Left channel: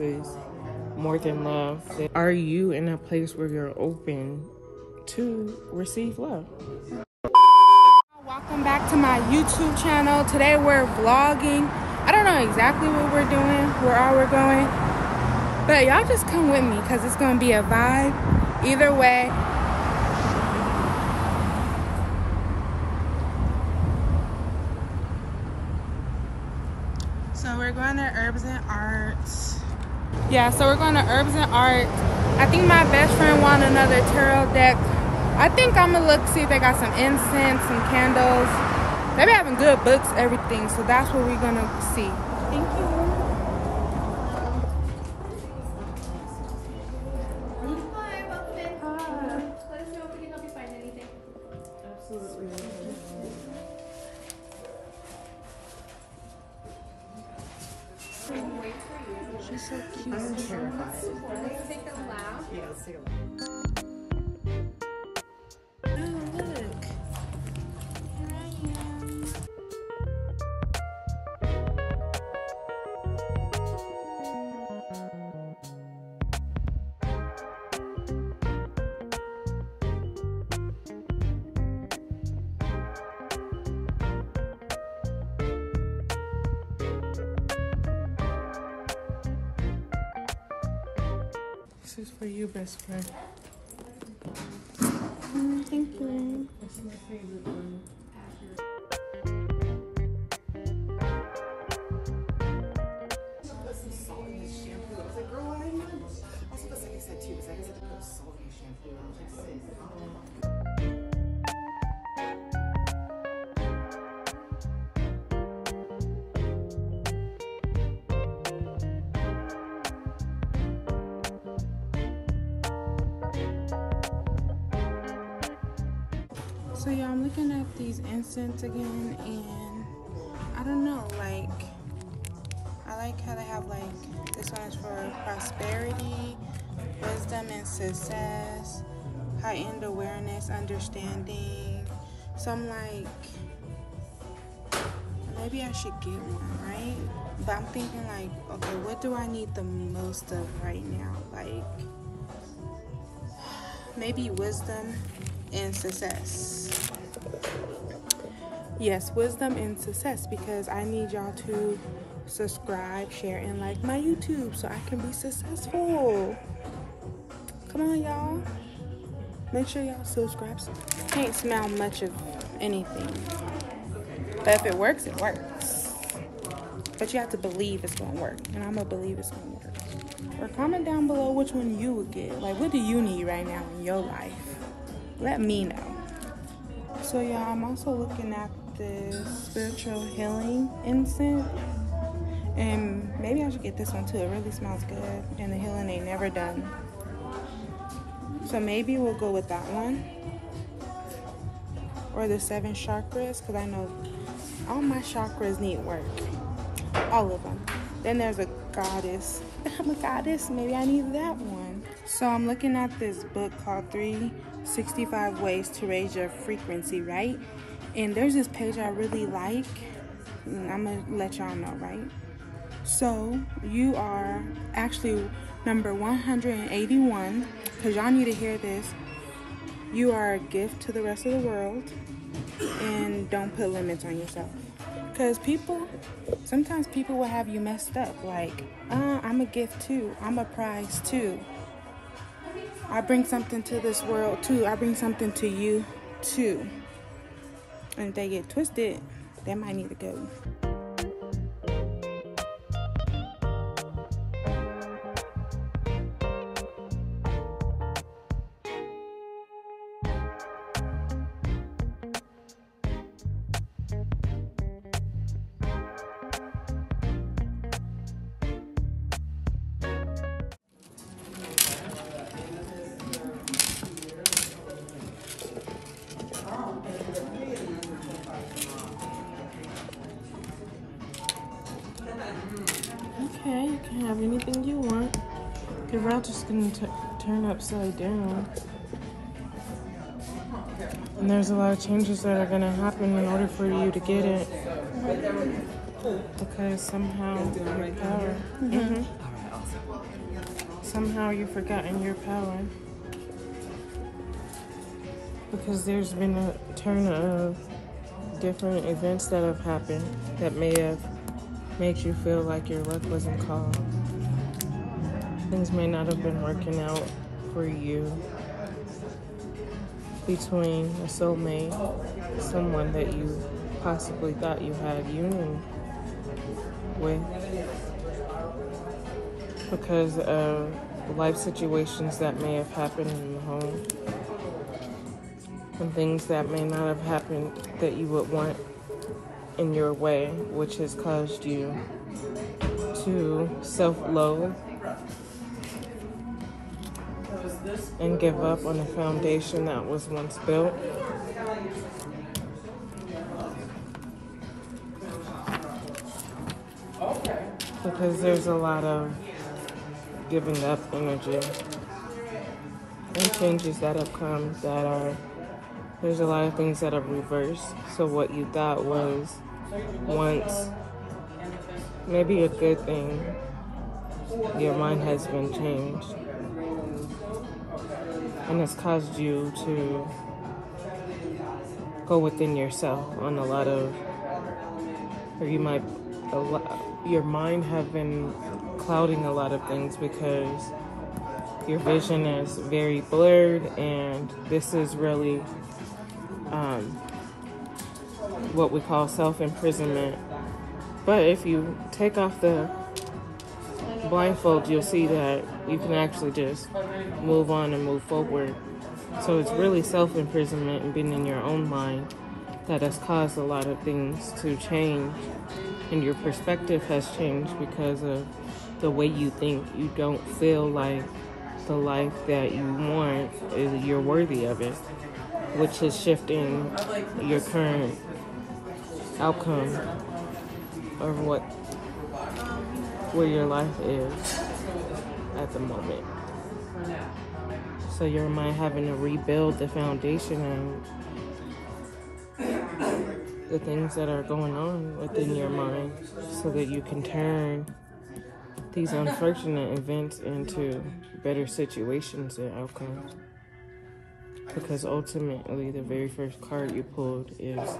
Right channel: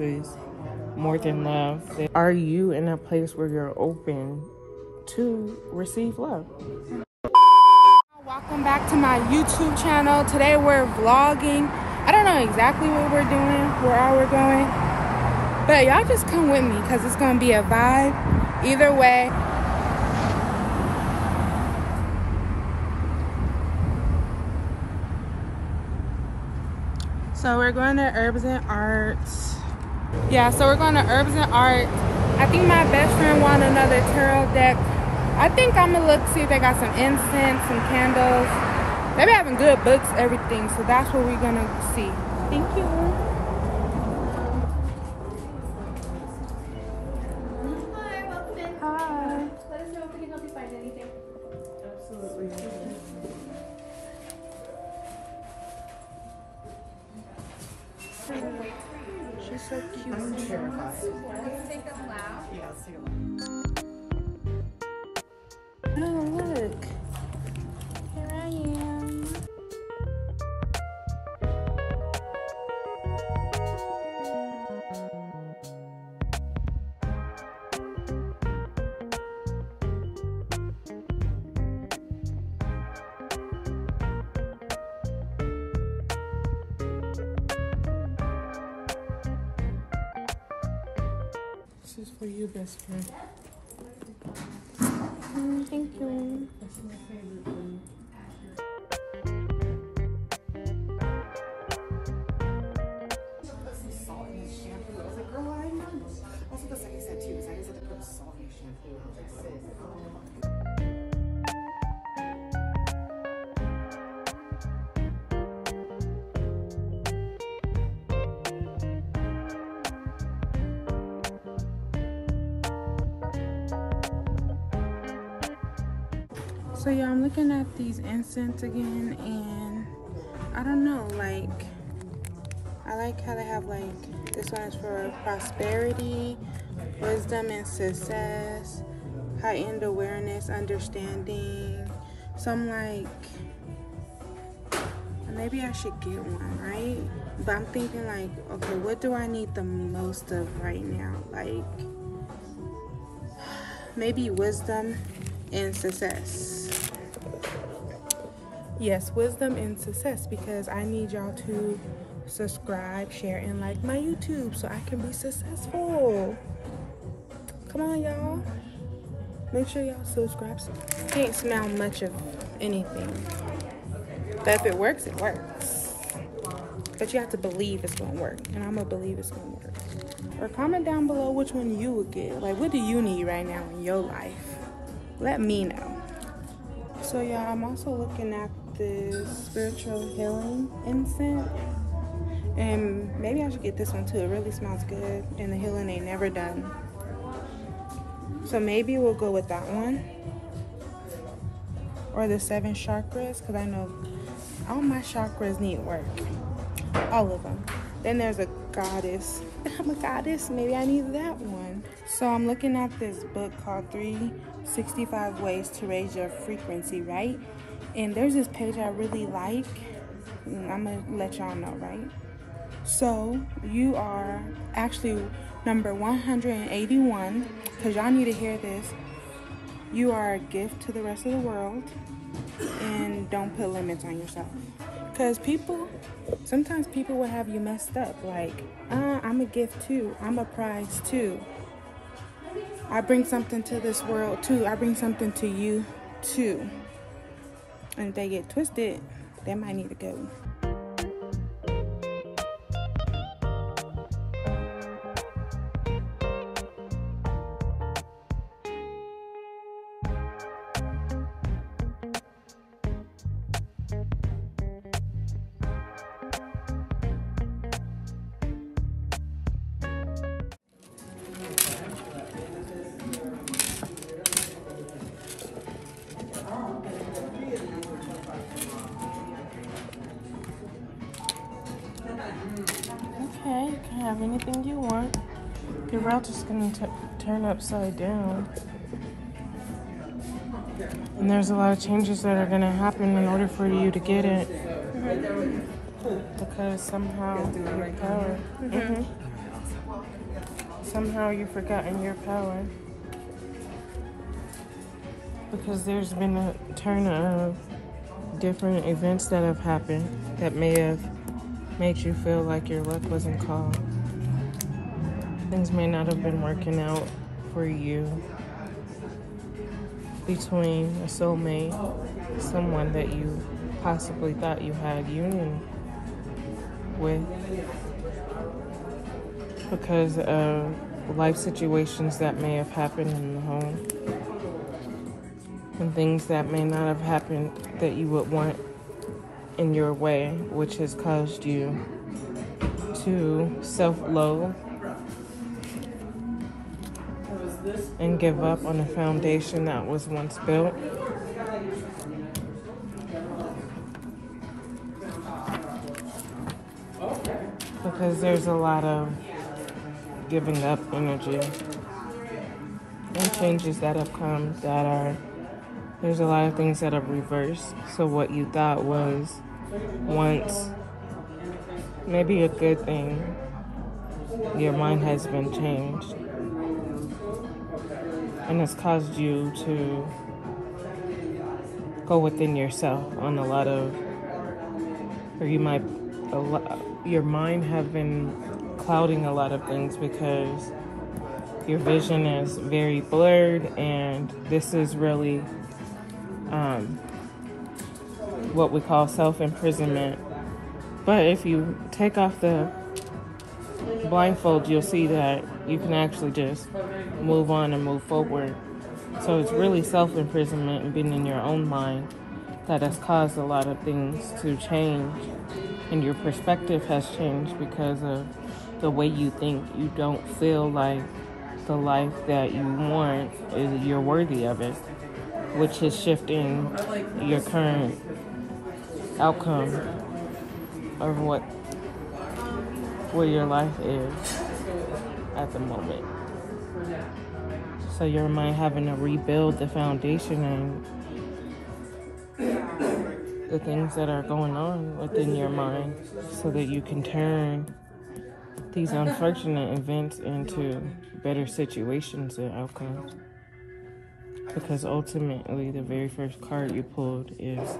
is more than love. Are you in a place where you're open to receive love? Welcome back to my YouTube channel. Today we're vlogging. I don't know exactly what we're doing, where we're going, but y'all just come with me because it's gonna be a vibe either way. So we're going to Herbs and Arts. Yeah, so we're going to Herbs and Arts. I think my best friend wanted another tarot deck. I think I'm gonna look, see if they got some incense, some candles. They be having good books, everything. So that's what we're gonna see. Thank you. Let us know if we can help you find anything. Absolutely. She's so cute. Let's take this loud. Oh, look. Here I am. This is for you, best friend. Thank you. That's my favorite one. So yeah, I'm looking at these incense again, and I don't know, like, I like how they have, like, this one is for prosperity, wisdom and success, heightened awareness, understanding. So I'm like, maybe I should get one, right? But I'm thinking like, okay, what do I need the most of right now? Like, maybe wisdom and success. Yes, wisdom and success, because I need y'all to subscribe, share, and like my YouTube so I can be successful. Come on, y'all. Make sure y'all subscribe. Can't smell much of anything, but if it works, it works. But you have to believe it's gonna work, and I'm gonna believe it's gonna work. Or comment down below which one you would get. Like, what do you need right now in your life? Let me know. So yeah, I'm also looking at this spiritual healing incense, and maybe I should get this one too. It really smells good, and the healing ain't never done. So maybe we'll go with that one, or the 7 chakras, because I know all my chakras need work, all of them. Then there's a goddess. I'm a goddess, maybe I need that one. So I'm looking at this book called 365 Ways to Raise Your Frequency, right? And there's this page I really like, and I'm gonna let y'all know, right? So you are actually number 181, because y'all need to hear this. You are a gift to the rest of the world, and don't put limits on yourself. Because sometimes people will have you messed up, like, I'm a gift too, I'm a prize too. I bring something to this world too, I bring something to you too. And if they get twisted, they might need to go. Okay, you can have anything you want. Your world's just gonna turn upside down. And there's a lot of changes that are gonna happen in order for you to get it. Because somehow your power. somehow you've forgotten your power. Because there's been a turn of different events that have happened that may have made you feel like your luck wasn't called. Things may not have been working out for you between a soulmate, someone that you possibly thought you had union with, because of life situations that may have happened in the home, and things that may not have happened that you would want in your way, which has caused you to self-loathe and give up on a foundation that was once built. Because there's a lot of giving up energy and changes that have come that are, there's a lot of things that have reversed. So what you thought was once maybe a good thing, your mind has been changed. And it's caused you to go within yourself on a lot of, or you might, your mind have been clouding a lot of things because your vision is very blurred, and this is really what we call self-imprisonment. But if you take off the blindfold, you'll see that you can actually just move on and move forward. So it's really self-imprisonment and being in your own mind that has caused a lot of things to change, and your perspective has changed because of the way you think. You don't feel like the life that you want is, you're worthy of it, which is shifting your current outcome of where your life is at the moment. So your mind having to rebuild the foundation and the things that are going on within your mind so that you can turn these unfortunate events into better situations and outcomes. Because ultimately, the very first card you pulled is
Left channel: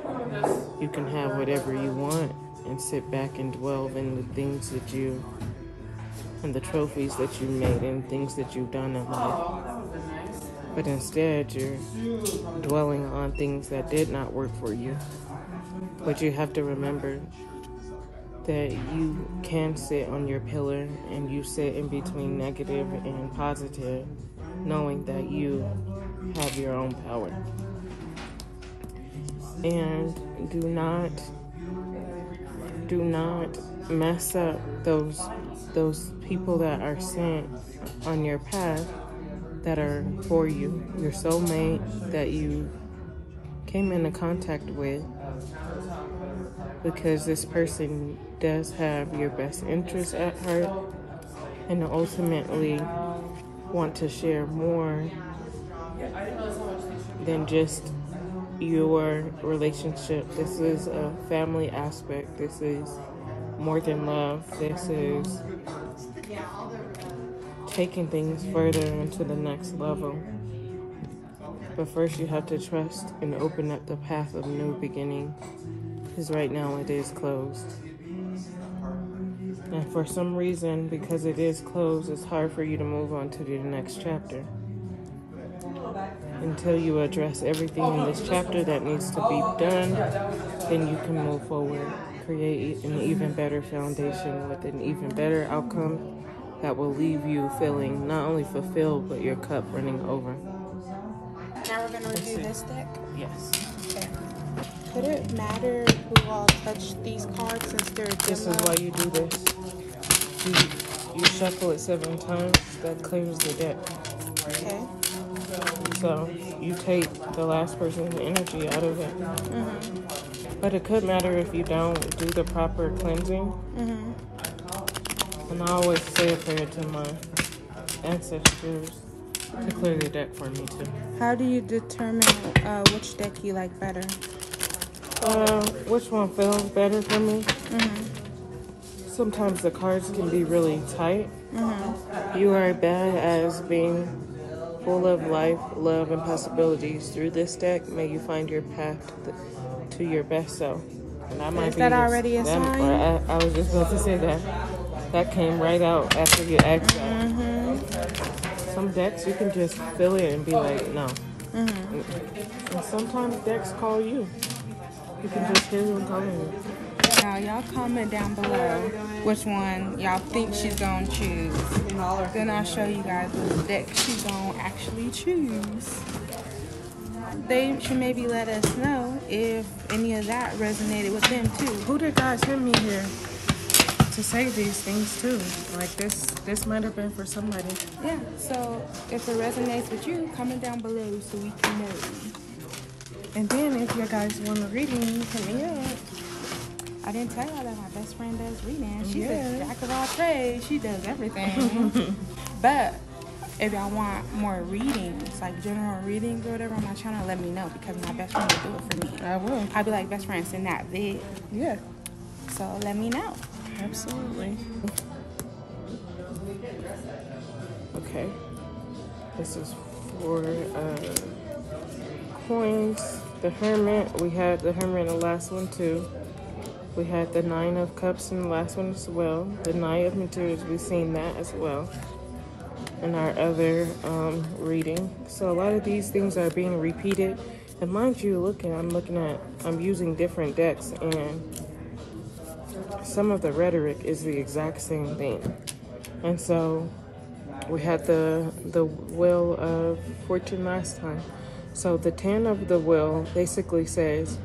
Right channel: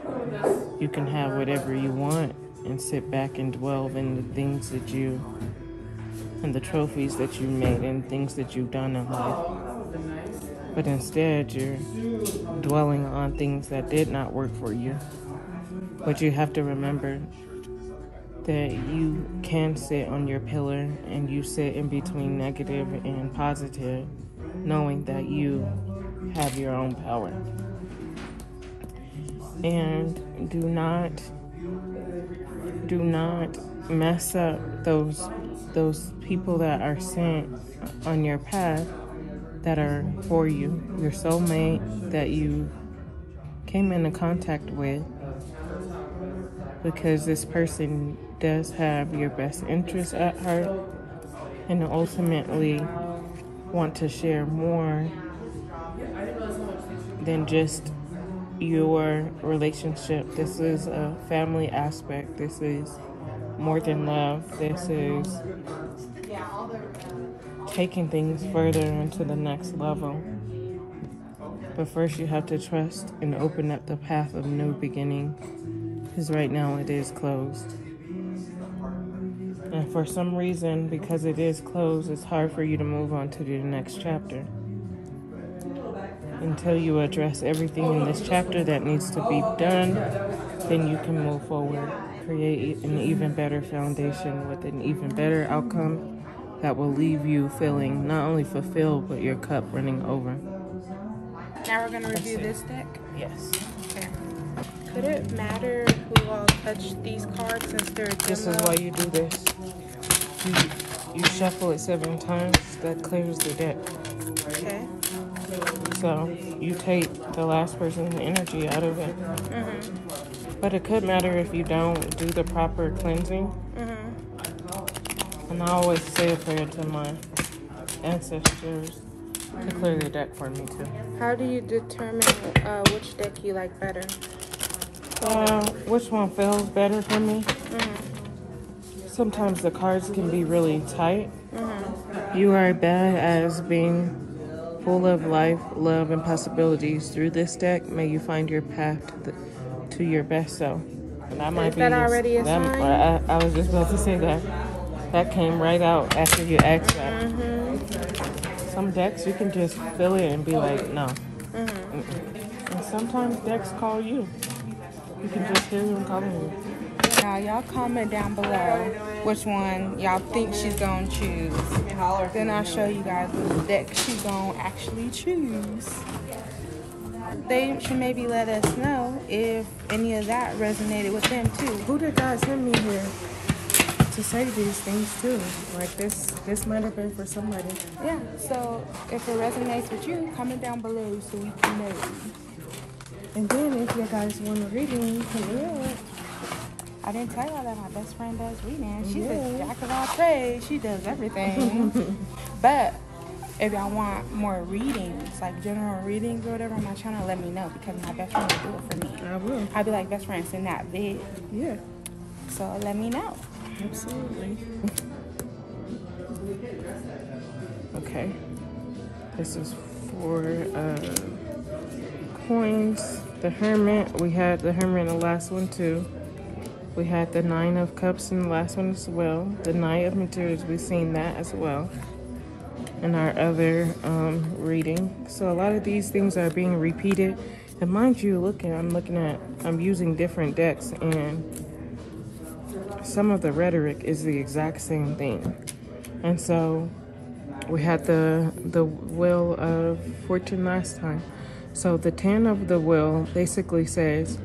you can have whatever you want and sit back and dwell in the things that you, and the trophies that you made and things that you've done in life. But instead, you're dwelling on things that did not work for you. But you have to remember that you can sit on your pillar and you sit in between negative and positive, knowing that you have your own power. And do not mess up those people that are sent on your path that are for you, your soulmate that you came into contact with, because this person does have your best interest at heart and ultimately want to share more than just your relationship. This is a family aspect. This is more than love. This is taking things further into the next level. But first you have to trust and open up the path of a new beginning, because right now it is closed. And for some reason, because it is closed, it's hard for you to move on to the next chapter. Until you address everything in this chapter that needs to be done, then you can move forward, create an even better foundation with an even better outcome that will leave you feeling not only fulfilled, but your cup running over. Now we're going to review this deck? Yes. Okay. Could it matter who all touched these cards since they're This is demo? why you do this. You shuffle it 7 times, that clears the deck. Okay. So you take the last person's energy out of it. Mm-hmm. But it could matter if you don't do the proper cleansing. Mm-hmm. And I always say prayer to my ancestors to clear the deck for me too. How do you determine which deck you like better? Which one feels better for me? Mm-hmm. Sometimes the cards can be really tight, You are badass being full of life, love, and possibilities. Through this deck, may you find your path to your best self. That might Is that already a sign? I was just about to say that. That came right out after you asked that. Some decks, you can just feel it and be like, no. And sometimes decks call you. You can just hear them calling you. Now, y'all comment down below which one y'all think she's gonna choose. Then I'll show you guys which deck she's gonna actually choose. They should maybe let us know if any of that resonated with them too. Who did God send me here to say these things too? Like this might have been for somebody. Yeah, so if it resonates with you, comment down below so we can know. And then if you guys want a reading, hit me up. I didn't tell y'all that my best friend does reading. She's a jack of all trades. She does everything. But if y'all want more readings, like general readings or whatever on my channel, let me know because my best friend will do it for me. I will. I'll be like, best friend, send that vid. Yeah. So let me know. Absolutely. Okay. This is for coins. The Hermit. We had the Hermit in the last one too. We had the Nine of Cups in the last one as well. The Knight of Materials, we've seen that as well in our other reading. So a lot of these things are being repeated. And mind you, I'm using different decks, and some of the rhetoric is the exact same thing. And so we had the Wheel of Fortune last time. So the 10 of the wheel basically says,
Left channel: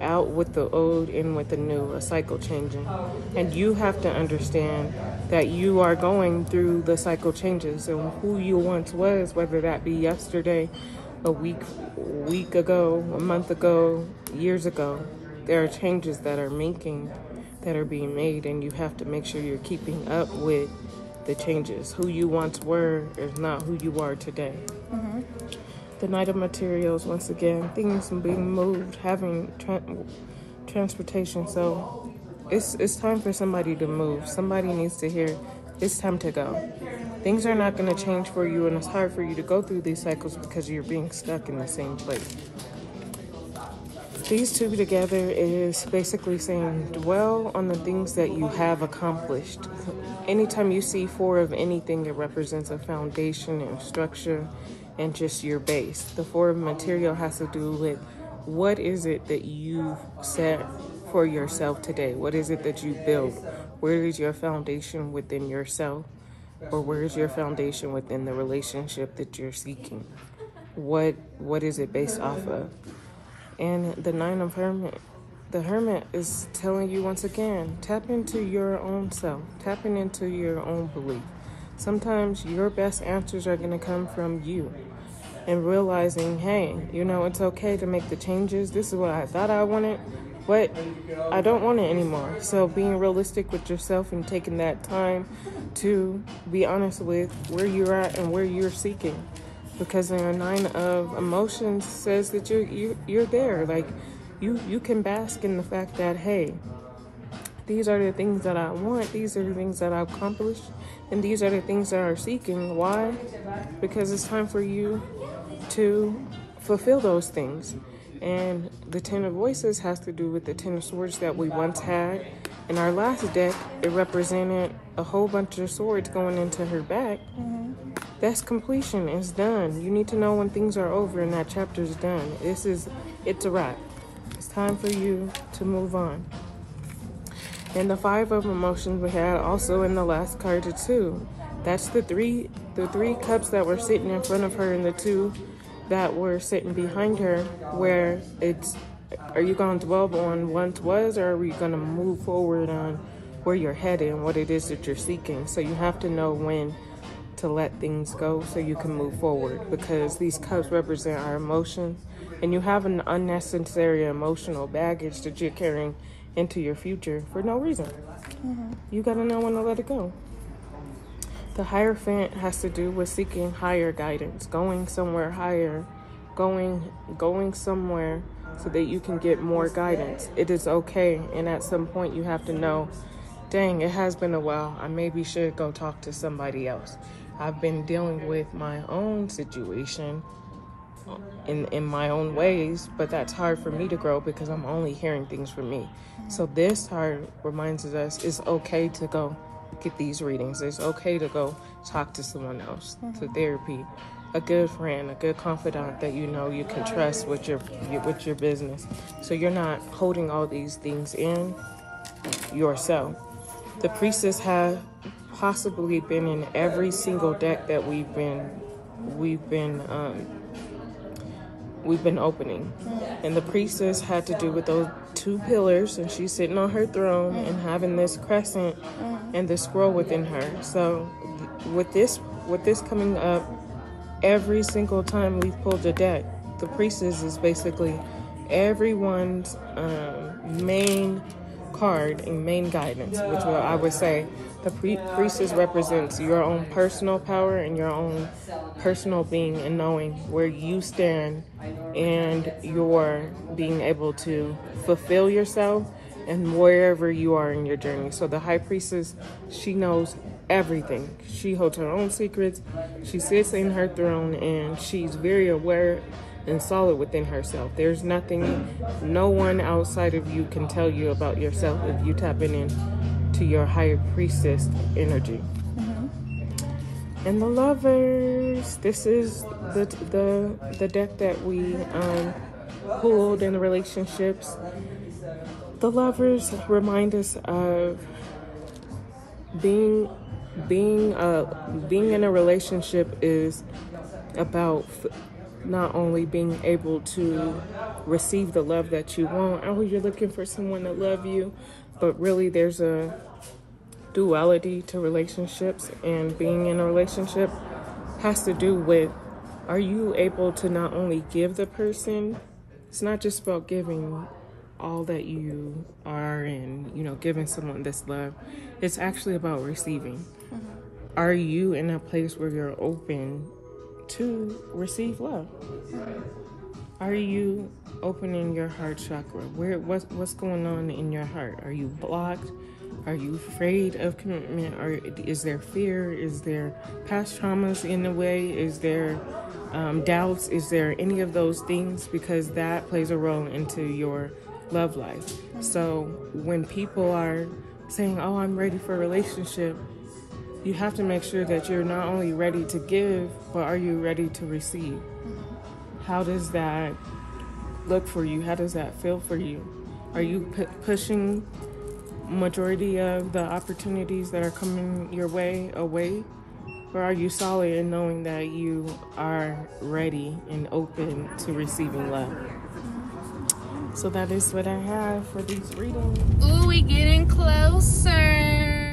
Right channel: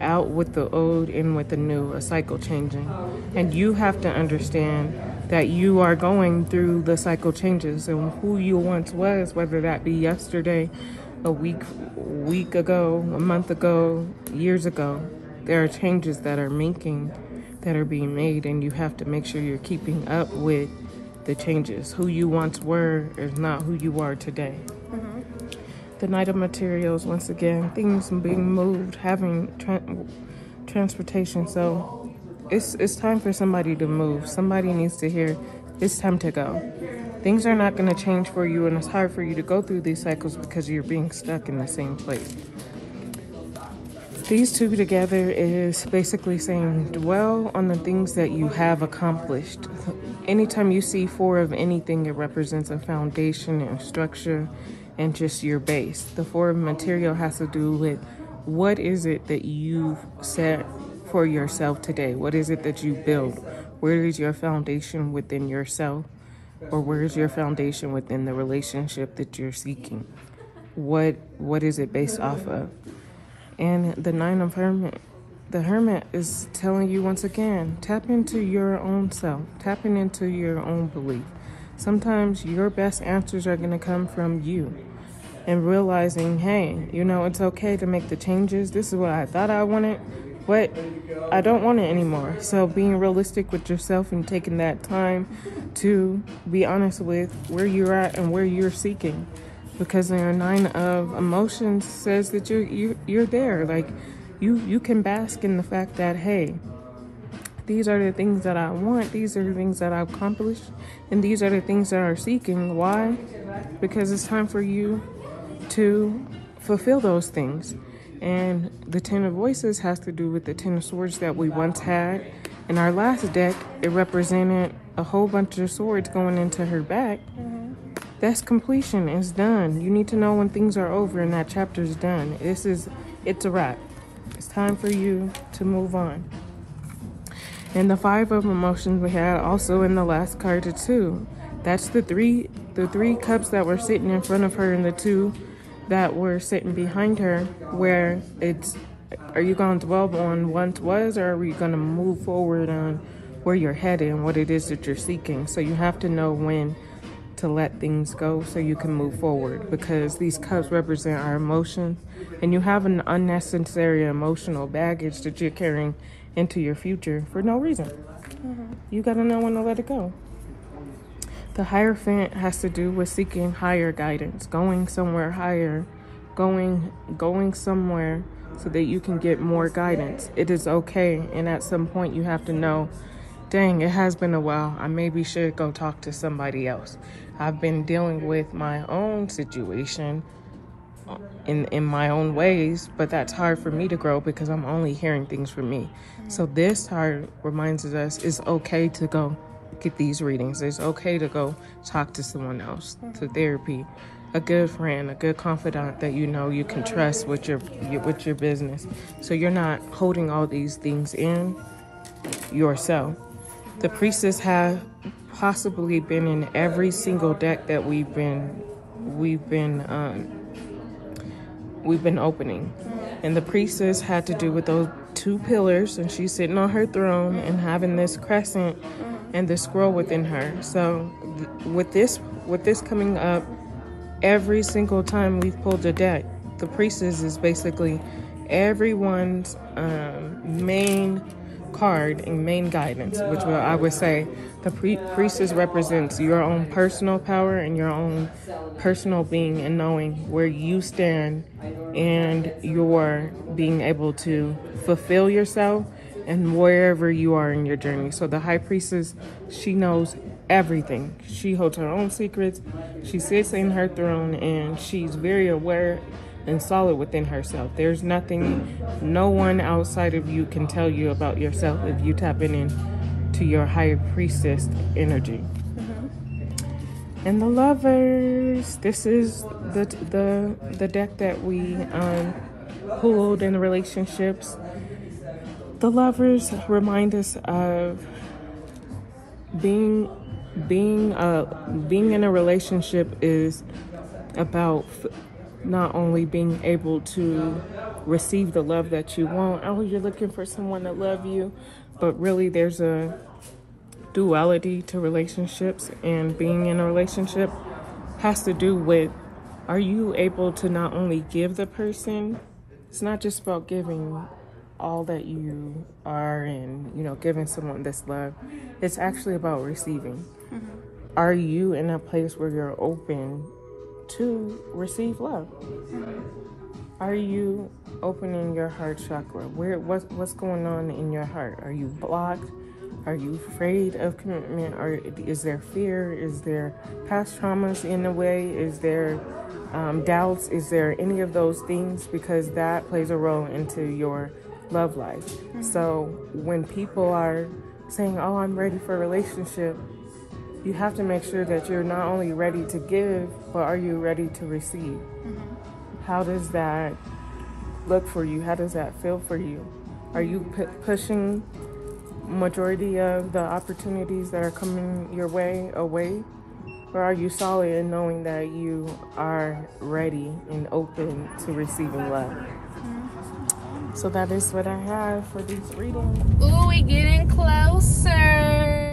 out with the old, in with the new, a cycle changing. And you have to understand that you are going through the cycle changes. And who you once was, whether that be yesterday, a week ago, a month ago, years ago, there are changes that are being made, and you have to make sure you're keeping up with the changes. Who you once were is not who you are today. The Knight of Materials, once again, things being moved, having transportation. So it's time for somebody to move. Somebody needs to hear it's time to go. Things are not going to change for you, and it's hard for you to go through these cycles because you're being stuck in the same place. These two together is basically saying dwell on the things that you have accomplished. Anytime you see 4 of anything, it represents a foundation and structure and just your base. The 4 of material has to do with what is it that you've set for yourself today? What is it that you build? Where is your foundation within yourself? Or where is your foundation within the relationship that you're seeking? What is it based off of? And the Nine of Hermit. The Hermit is telling you once again, tap into your own self. Tapping into your own belief. Sometimes your best answers are going to come from you. And realizing, hey, you know, it's okay to make the changes. This is what I thought I wanted, but I don't want it anymore. So being realistic with yourself and taking that time to be honest with where you're at and where you're seeking. Because the Nine of Emotions says that you're there. Like, you can bask in the fact that, hey, these are the things that I want. These are the things that I've accomplished. And these are the things that are seeking. Why? Because it's time for you to fulfill those things. And the 10 of Voices has to do with the 10 of Swords that we once had. In our last deck, it represented a whole bunch of swords going into her back. That's completion. It's done. You need to know when things are over and that chapter's done. It's a wrap. It's time for you to move on. And the 5 of Emotions we had also in the last card too. That's the three cups that were sitting in front of her and the 2 that were sitting behind her, where it's, are you going to dwell on once was, or are you going to move forward on where you're headed and what it is that you're seeking? So you have to know when to let things go so you can move forward, because these cups represent our emotions, and you have an unnecessary emotional baggage that you're carrying into your future for no reason. You got to know when to let it go. The Hierophant has to do with seeking higher guidance, going somewhere higher, going somewhere so that you can get more guidance. It is okay, and at some point you have to know dang, it has been a while. I maybe should go talk to somebody else. I've been dealing with my own situation in my own ways, but that's hard for me to grow because I'm only hearing things from me. So this reminds us it's okay to go get these readings. It's okay to go talk to someone else, to therapy, a good friend, a good confidant that you know you can trust with your business. So you're not holding all these things in yourself. The priestess have possibly been in every single deck that we've been opening, and the priestess had to do with those two pillars, and she's sitting on her throne and having this crescent and the scroll within her. So with this coming up, every single time we've pulled a deck, the priestess is basically everyone's main card and main guidance, which I would say the priestess represents your own personal power and your own personal being and knowing where you stand and you're being able to fulfill yourself and wherever you are in your journey. So the high priestess, she knows everything. She holds her own secrets. She sits in her throne and she's very aware and solid within herself. There's nothing, no one outside of you can tell you about yourself if you tap in to your higher priestess energy. And the Lovers, this is the deck that we pulled in the relationships. The Lovers remind us of being in a relationship is about not only being able to receive the love that you want. Oh, you're looking for someone to love you, but really there's a duality to relationships, and being in a relationship has to do with, are you able to not only give the person, it's not just about giving all that you are and, you know, giving someone this love. It's actually about receiving. Are you in a place where you're open to receive love? Are you opening your heart chakra? What's going on in your heart? Are you blocked? Are you afraid of commitment? Or is there fear? Is there past traumas in a way? Is there doubts? Is there any of those things? Because that plays a role into your love life. So when people are saying, oh, I'm ready for a relationship, you have to make sure that you're not only ready to give, but are you ready to receive? How does that look for you? How does that feel for you? Are you pushing majority of the opportunities that are coming your way away? Or are you solid in knowing that you are ready and open to receiving love? So that is what I have for these readings. Ooh, we getting closer.